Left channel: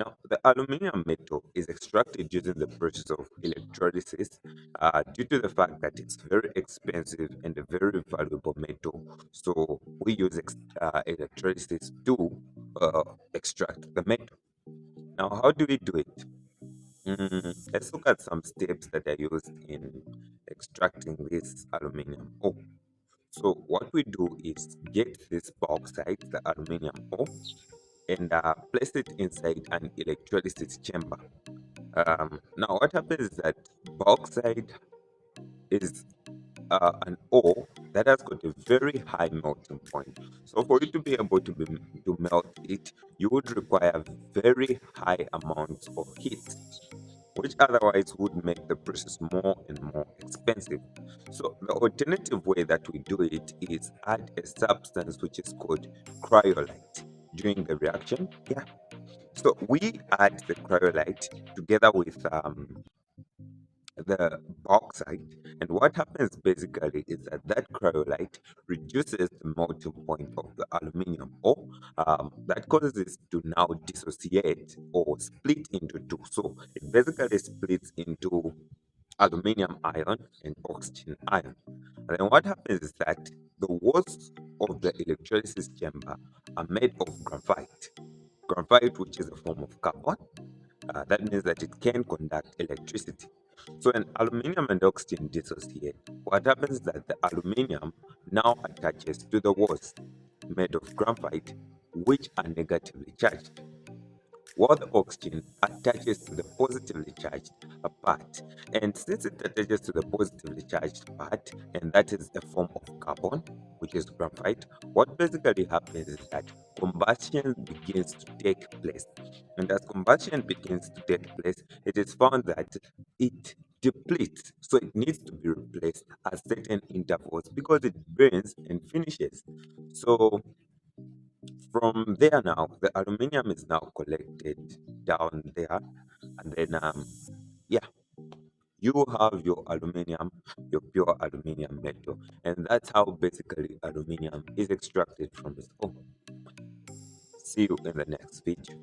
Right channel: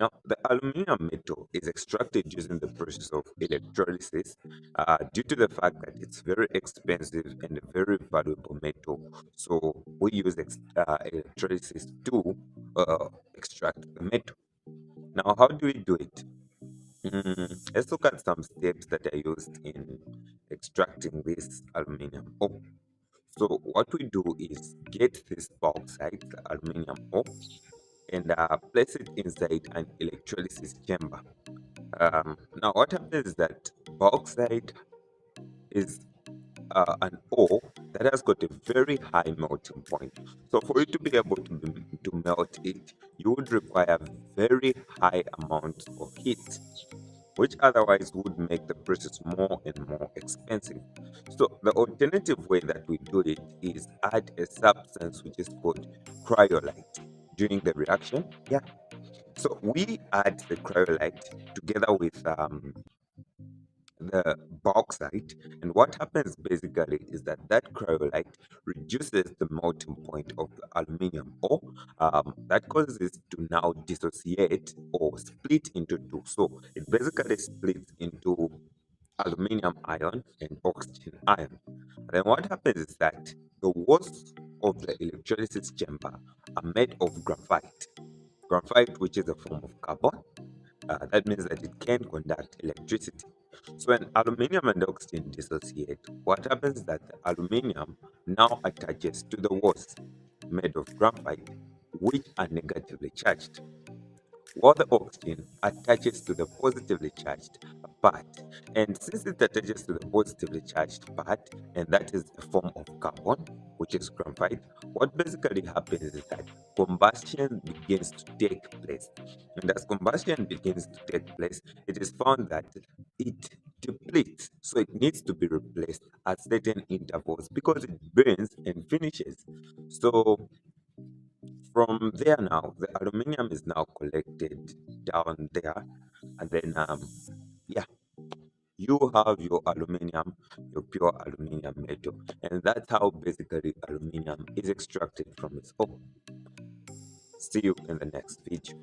Now, the aluminum metal is extracted using the process of electrolysis due to the fact that it's very expensive and a very valuable metal. So, we use electrolysis to extract the metal. Now, how do we do it? Let's look at some steps that are used in extracting this aluminum ore. So, what we do is get this bauxite, the aluminum ore, and place it inside an electrolysis chamber. Now, what happens is that bauxite is an ore that has got a very high melting point. So, for you to be able to melt it, you would require very high amounts of heat, which otherwise would make the process more and more expensive. So, the alternative way that we do it is add a substance which is called cryolite during the reaction. Yeah, so we add the cryolite together with the bauxite, and what happens basically is that that cryolite reduces the melting point of the aluminum ore. That causes it to now dissociate or split into two. So it basically splits into aluminium ion and oxygen ion. And then what happens is that the walls of the electrolysis chamber are made of graphite. Graphite, which is a form of carbon, that means that it can conduct electricity. So when aluminium and oxygen dissociate, what happens is that the aluminium now attaches to the walls made of graphite, which are negatively charged, while the oxygen attaches to the positively charged part. And since it attaches to the positively charged part, and that is a form of carbon, which is graphite, what basically happens is that combustion begins to take place. And as combustion begins to take place, it is found that it depletes, so it needs to be replaced at certain intervals because it burns and finishes. So from there now, the aluminium is now collected down there, and then yeah, you have your aluminium, your pure aluminium metal, and that's how basically aluminium is extracted from its ore. See you in the next video.